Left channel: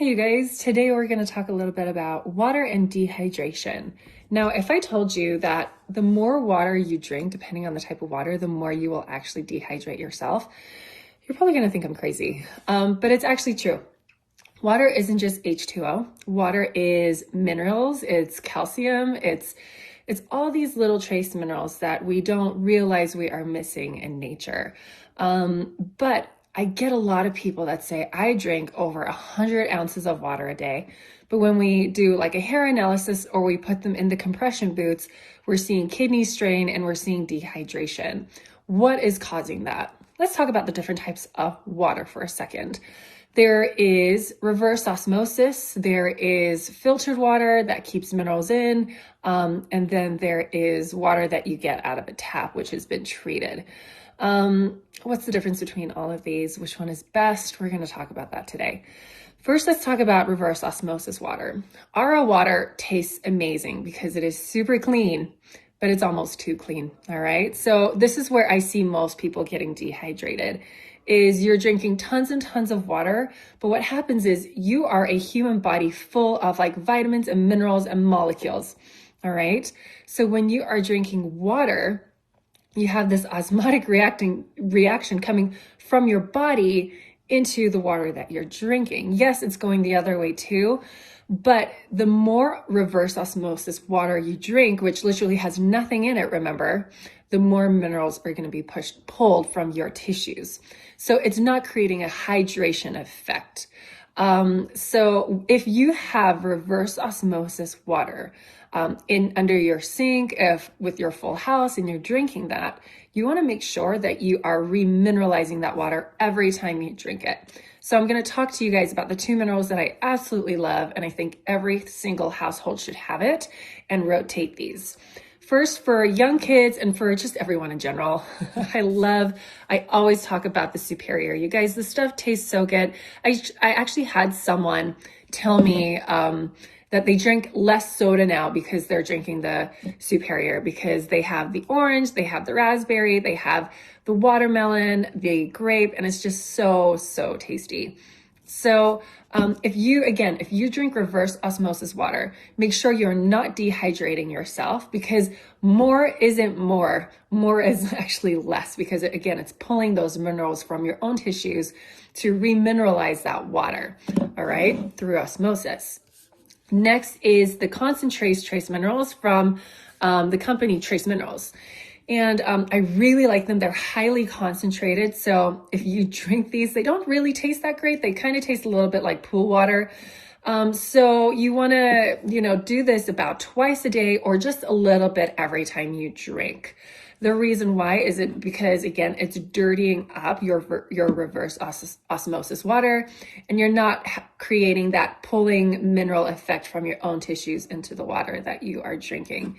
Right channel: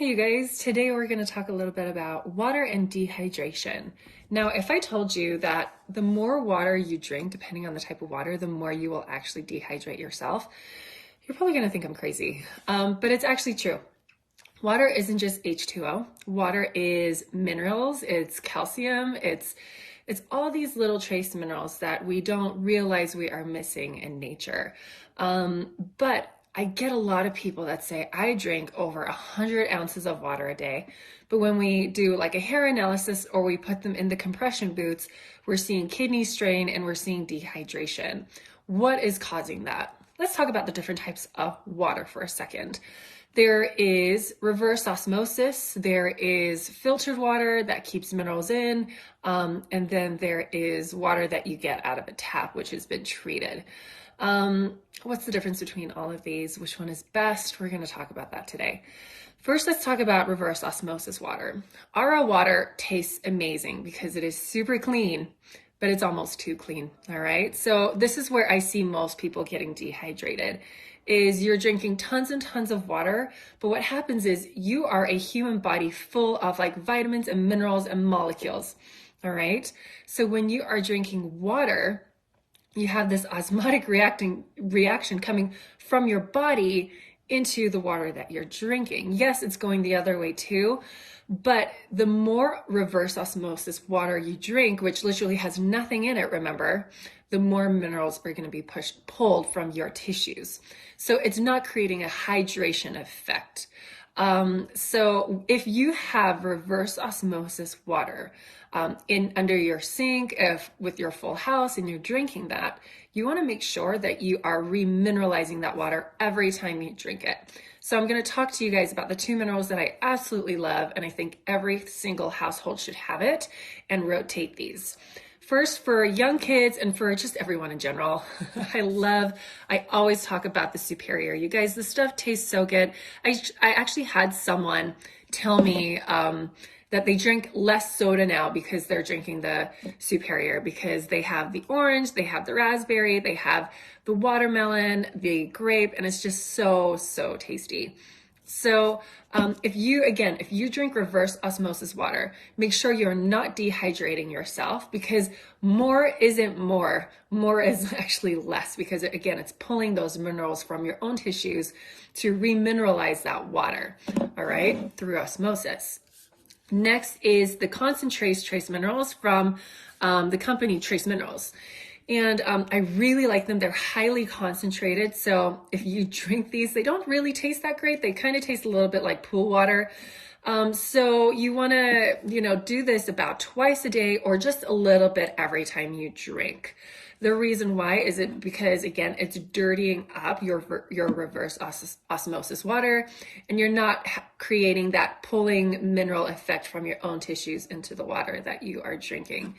Hey you guys, today we're going to talk a little bit about water and dehydration. Now, if I told you that the more water you drink, depending on the type of water, the more you will actually dehydrate yourself, you're probably going to think I'm crazy, but it's actually true. Water isn't just H2O. Water is minerals, it's calcium, it's all these little trace minerals that we don't realize we are missing in nature. But I get a lot of people that say, I drink over 100 ounces of water a day. But when we do like a hair analysis or we put them in the compression boots, we're seeing kidney strain and we're seeing dehydration. What is causing that? Let's talk about the different types of water for a second. There is reverse osmosis, there is filtered water that keeps minerals in, and then there is water that you get out of a tap, which has been treated. What's the difference between all of these? Which one is best? We're going to talk about that today. First, let's talk about reverse osmosis water. RO water tastes amazing because it is super clean, but it's almost too clean, all right? So this is where I see most people getting dehydrated, is you're drinking tons and tons of water, but what happens is you are a human body full of like vitamins and minerals and molecules, all right? So when you are drinking water, you have this osmotic reaction coming from your body into the water that you're drinking. Yes, it's going the other way too, but the more reverse osmosis water you drink, which literally has nothing in it, remember, the more minerals are going to be pulled from your tissues. So it's not creating a hydration effect. So if you have reverse osmosis water under your sink, if with your full house and you're drinking that, you want to make sure that you are remineralizing that water every time you drink it. So I'm going to talk to you guys about the two minerals that I absolutely love, and I think every single household should have it, and rotate these. First, for young kids and for just everyone in general, I always talk about the Superior. You guys, this stuff tastes so good. I actually had someone tell me that they drink less soda now because they're drinking the Superior, because they have the orange, they have the raspberry, they have the watermelon, the grape, and it's just so, so tasty. So if you drink reverse osmosis water, make sure you're not dehydrating yourself, because more isn't more. More is actually less, because it's pulling those minerals from your own tissues to remineralize that water, all right, through osmosis. Next is the concentrated trace minerals from the company Trace Minerals. And I really like them. They're highly concentrated. So if you drink these, they don't really taste that great. They kind of taste a little bit like pool water. So you want to, do this about twice a day or just a little bit every time you drink. The reason why is because, again, it's dirtying up your reverse osmosis water, and you're not creating that pulling mineral effect from your own tissues into the water that you are drinking.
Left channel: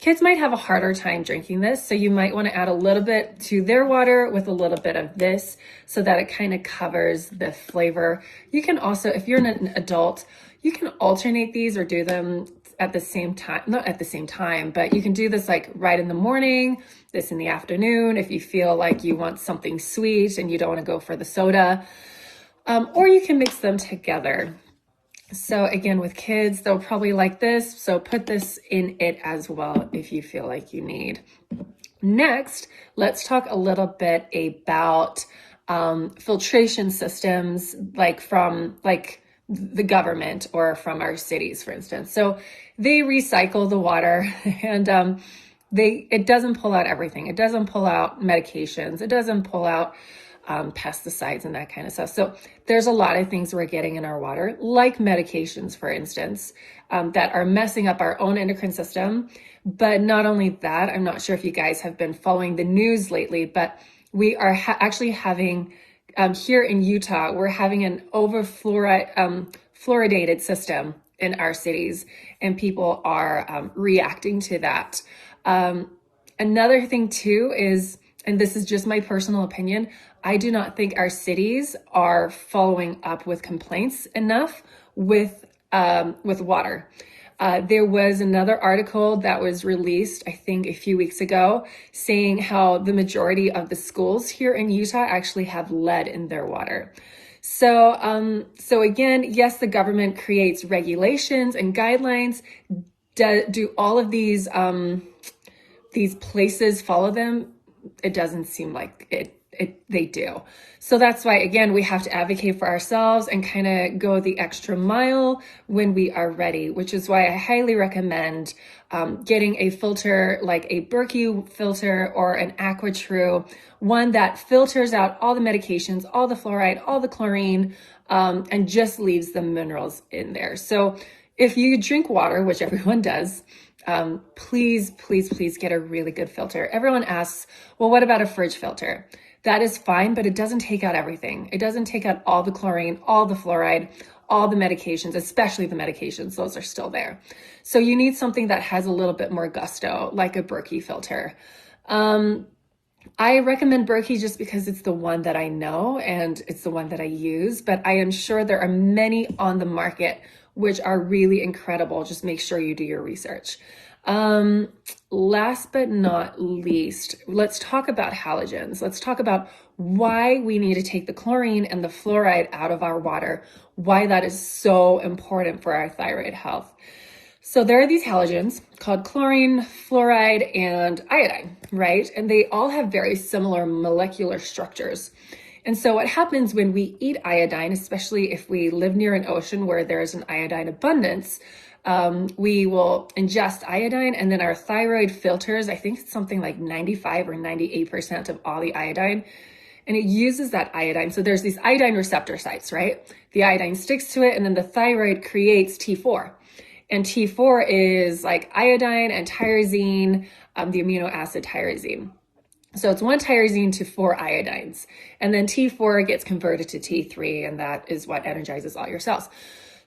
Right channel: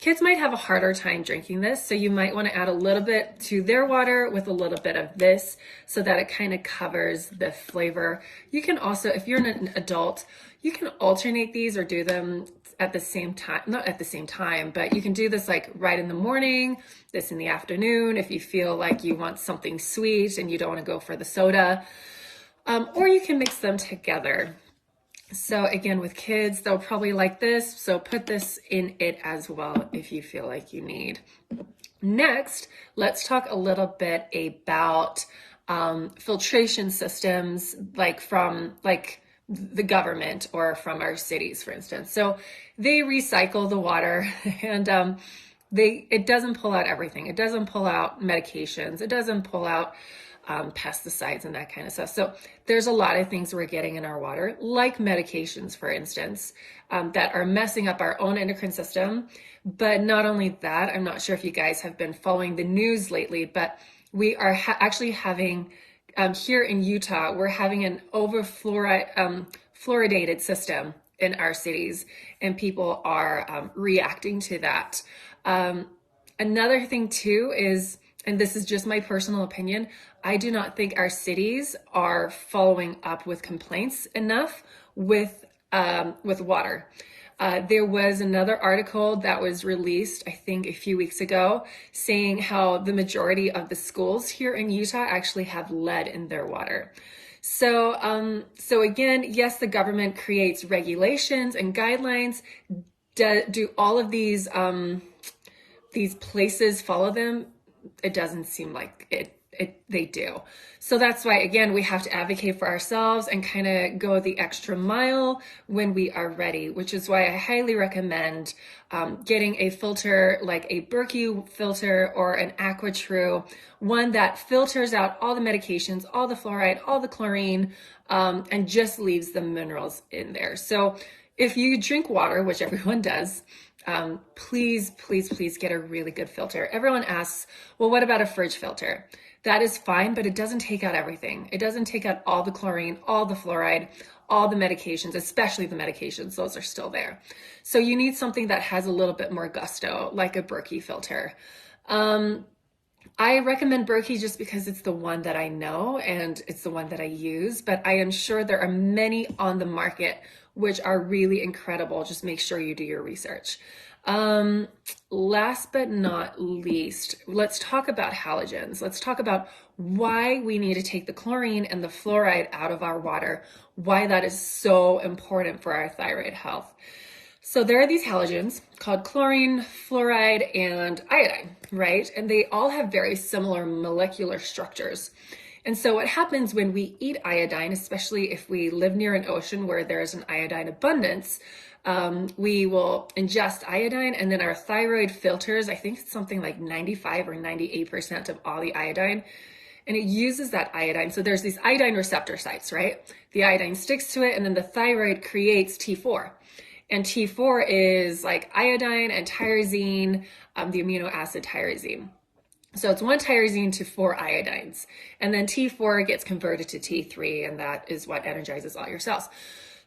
Kids might have a harder time drinking this, so you might want to add a little bit to their water with a little bit of this so that it kind of covers the flavor. You can also, if you're an adult, you can alternate these or do them at the same time, not at the same time, but you can do this like right in the morning, this in the afternoon, if you feel like you want something sweet and you don't want to go for the soda, or you can mix them together. So again, with kids, they'll probably like this. So put this in it as well if you feel like you need. Next, let's talk a little bit about filtration systems, like from the government or from our cities, for instance. So they recycle the water, and it doesn't pull out everything. It doesn't pull out medications. It doesn't pull out pesticides and that kind of stuff. So there's a lot of things we're getting in our water, like medications, for instance, that are messing up our own endocrine system. But not only that, I'm not sure if you guys have been following the news lately, but we are actually having, here in Utah, we're having an fluoridated system in our cities, and people are reacting to that. Another thing too is, and this is just my personal opinion, I do not think our cities are following up with complaints enough with water. There was another article that was released, I think a few weeks ago, saying how the majority of the schools here in Utah actually have lead in their water. So again, yes, the government creates regulations and guidelines. Do all of these places follow them? It doesn't seem like they do. So that's why, again, we have to advocate for ourselves and kind of go the extra mile when we are ready, which is why I highly recommend getting a filter like a Berkey filter or an AquaTrue, one that filters out all the medications, all the fluoride, all the chlorine, and just leaves the minerals in there. So if you drink water, which everyone does, please, please, please get a really good filter. Everyone asks, well, what about a fridge filter? That is fine, but it doesn't take out everything. It doesn't take out all the chlorine, all the fluoride, all the medications, especially the medications. Those are still there. So you need something that has a little bit more gusto, like a Berkey filter. I recommend Berkey just because it's the one that I know and it's the one that I use, but I am sure there are many on the market which are really incredible. Just make sure you do your research. Last but not least, let's talk about halogens. Let's talk about why we need to take the chlorine and the fluoride out of our water, why that is so important for our thyroid health. So there are these halogens called chlorine, fluoride, and iodine, right? And they all have very similar molecular structures. And so what happens when we eat iodine, especially if we live near an ocean where there's an iodine abundance, we will ingest iodine, and then our thyroid filters, I think it's something like 95 or 98% of all the iodine, and it uses that iodine. So there's these iodine receptor sites, right? The iodine sticks to it, and then the thyroid creates T4. And T4 is like iodine and tyrosine, the amino acid tyrosine. So it's one tyrosine to 4 iodines. And then T4 gets converted to T3, and that is what energizes all your cells.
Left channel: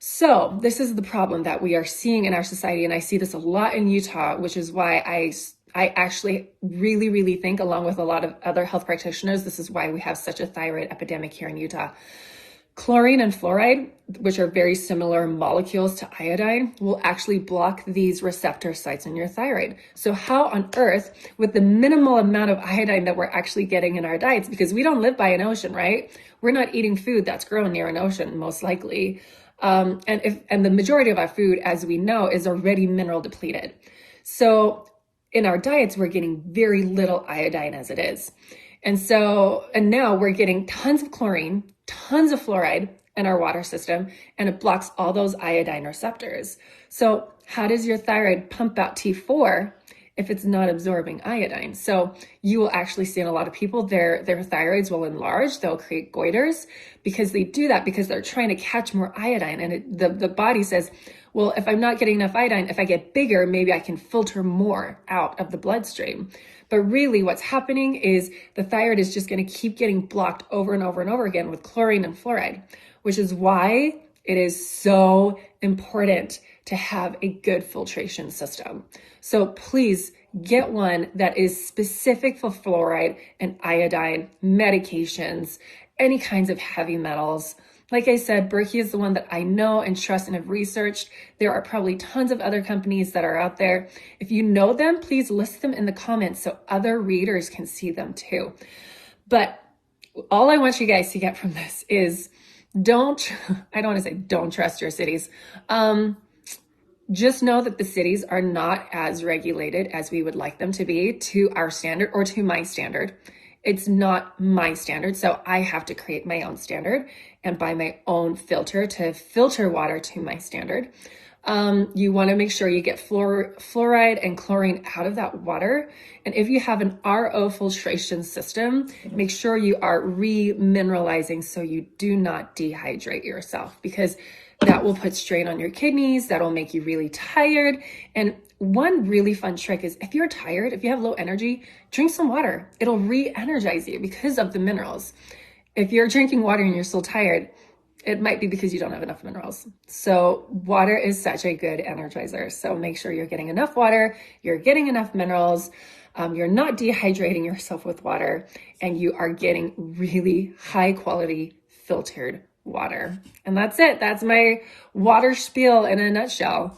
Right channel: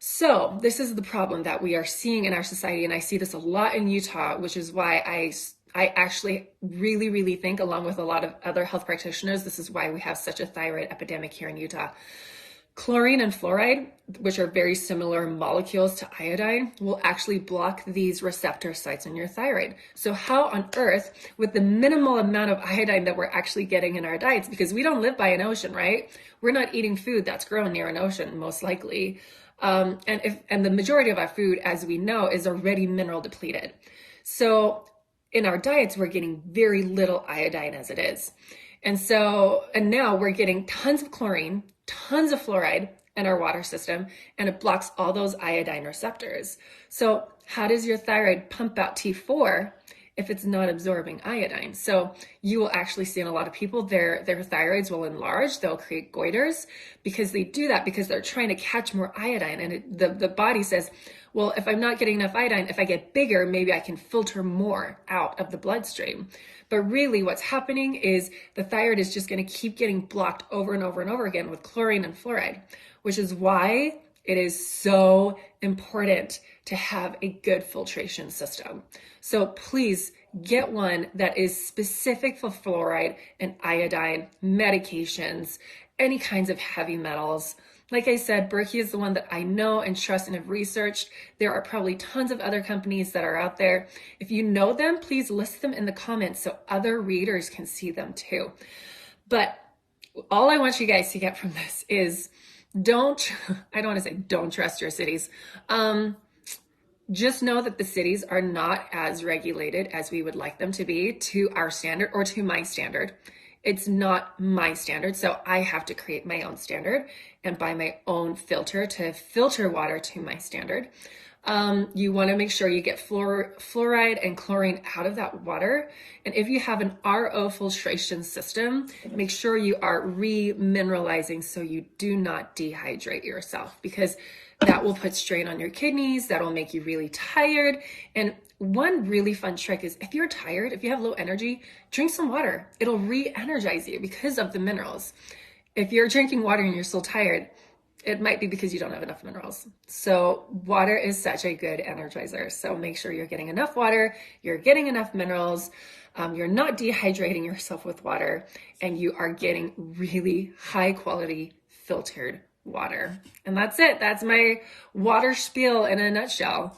So this is the problem that we are seeing in our society, and I see this a lot in Utah, which is why I actually really, really think, along with a lot of other health practitioners, this is why we have such a thyroid epidemic here in Utah. Chlorine and fluoride, which are very similar molecules to iodine, will actually block these receptor sites in your thyroid. So how on earth, with the minimal amount of iodine that we're actually getting in our diets, because we don't live by an ocean, right? We're not eating food that's grown near an ocean, most likely. And the majority of our food, as we know, is already mineral depleted. So in our diets, we're getting very little iodine as it is. And now we're getting tons of chlorine, tons of fluoride in our water system, and it blocks all those iodine receptors. So how does your thyroid pump out T4 if it's not absorbing iodine? So you will actually see in a lot of people, their thyroids will enlarge, they'll create goiters, because they do that because they're trying to catch more iodine. And the body says, well, if I'm not getting enough iodine, if I get bigger, maybe I can filter more out of the bloodstream. But really what's happening is the thyroid is just going to keep getting blocked over and over and over again with chlorine and fluoride, which is why it is so important to have a good filtration system. So please get one that is specific for fluoride and iodine, medications, any kinds of heavy metals. Like I said, Berkey is the one that I know and trust and have researched. There are probably tons of other companies that are out there. If you know them, please list them in the comments so other readers can see them too. But all I want you guys to get from this is I don't want to say don't trust your cities. Just know that the cities are not as regulated as we would like them to be to our standard or to my standard. It's not my standard, so I have to create my own standard and buy my own filter to filter water to my standard. You want to make sure you get fluoride and chlorine out of that water. And if you have an RO filtration system, make sure you are remineralizing so you do not dehydrate yourself, because that will put strain on your kidneys. That'll make you really tired. And one really fun trick is if you're tired, if you have low energy, drink some water. It'll re-energize you because of the minerals. If you're drinking water and you're still tired, it might be because you don't have enough minerals. So water is such a good energizer. So make sure you're getting enough water, you're getting enough minerals, you're not dehydrating yourself with water, and you are getting really high quality filtered water. And that's it. That's my water spiel in a nutshell.